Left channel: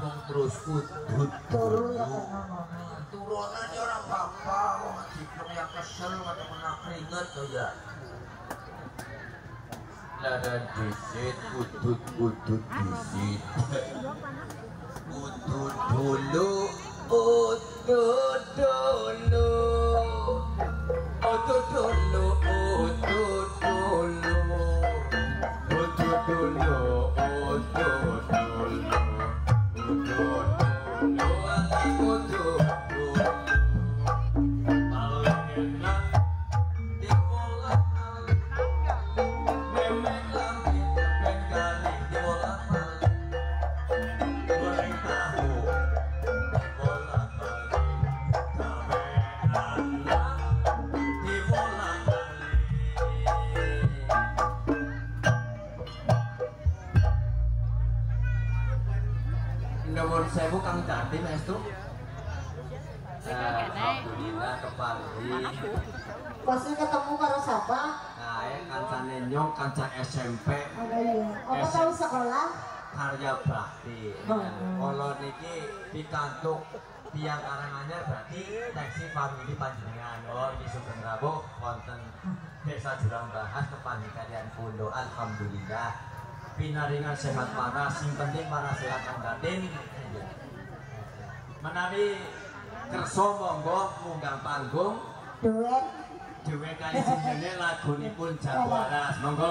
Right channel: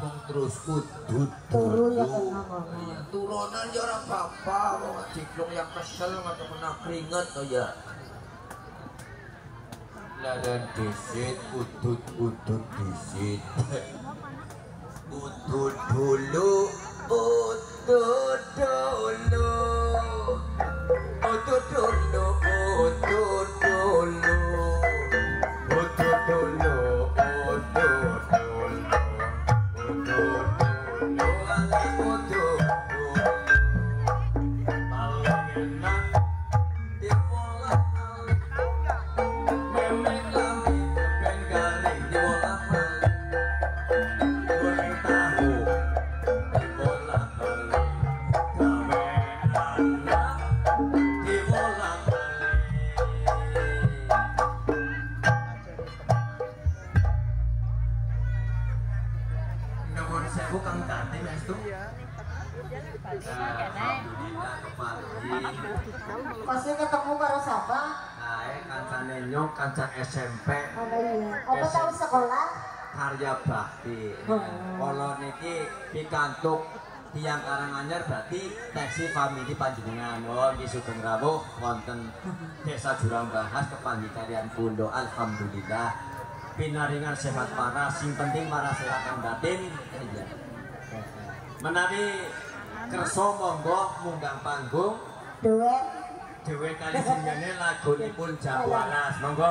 mung terus udut turu ya kena ngono. Turunan ya orang bapak mau ngediplom yang kesel nggak pernah keringet oh ya. Ladan disit udut disit. Udut dulu, udut dulu, udut dulu, udut dulu, udut dulu, udut dulu, udut dulu, udut dulu. Paling enak dibolak-balik, memek lagi ben garing dibolak-balik. Goreng tahu dibolak-balik, gawe lalat dibolak-balik. Nomor 1000 Kang Dating itu. Alhamdulillah kepagi. Pasti ketemu karo siapa? Kae kancane nyok kanca SMP. Oh iya. Apa tahu sekolah? Karya bakti. Kalau niki pikantuk tiang Karanganyar berarti teksi famili panjenengan. Oh, di Sugeng Rawuh wonten Desa Jurang Bahas kepanggih kalian Pundo. Alhamdulillah. Pinaringan sehat waras, sing penting waras sehat Kang Datin. Menawi kersa monggo munggah panggung Duet. dhewe kali jenenge lagunipun Jam Waras. Monggo.